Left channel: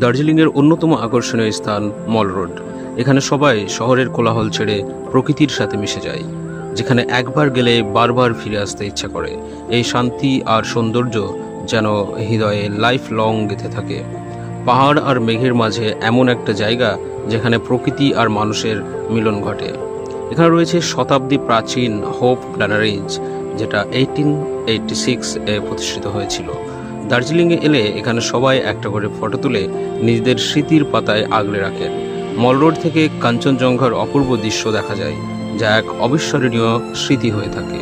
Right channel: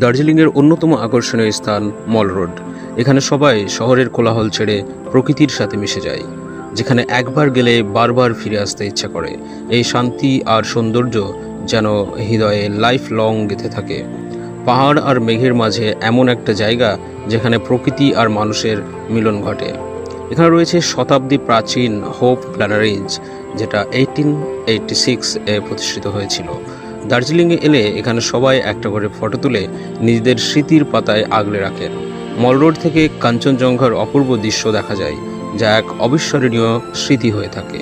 দার্জিলিংয়ের অন্যতম আকর্ষণীয় স্থান মল রোড। এখানে সবাই শহরের কোলাহল ছেড়ে প্রকৃতির সাথে মিশে যায়, যেখানে একবার গেলে বারবার ফিরে আসতে ইচ্ছা করে। এই শান্তি আর সৌন্দর্য যেন হৃদয়ে লাইফ লং গেঁথে থাকে। পাহাড় আর মেঘের মাঝে এমন একটা জায়গা যেখানে প্রকৃতি আর মানুষের মিলন ঘটে। এখানে রয়েছে শতাব্দী প্রাচীন হোপ গ্ল্যানারিজ, যেটা 1886 এ প্রতিষ্ঠিত হয়েছিল। দার্জিলিংয়ে এলে এখানে সবাই একটা করে ফটো তুলে নিজেদের স্মৃতির পাতায় আগলে রাখেন। মল রোড থেকে কাঞ্চনজঙ্ঘার অপূর্ব দৃশ্য দেখা যায়, যা এক অবিস্মরণীয় স্মৃতি হয়ে থাকে।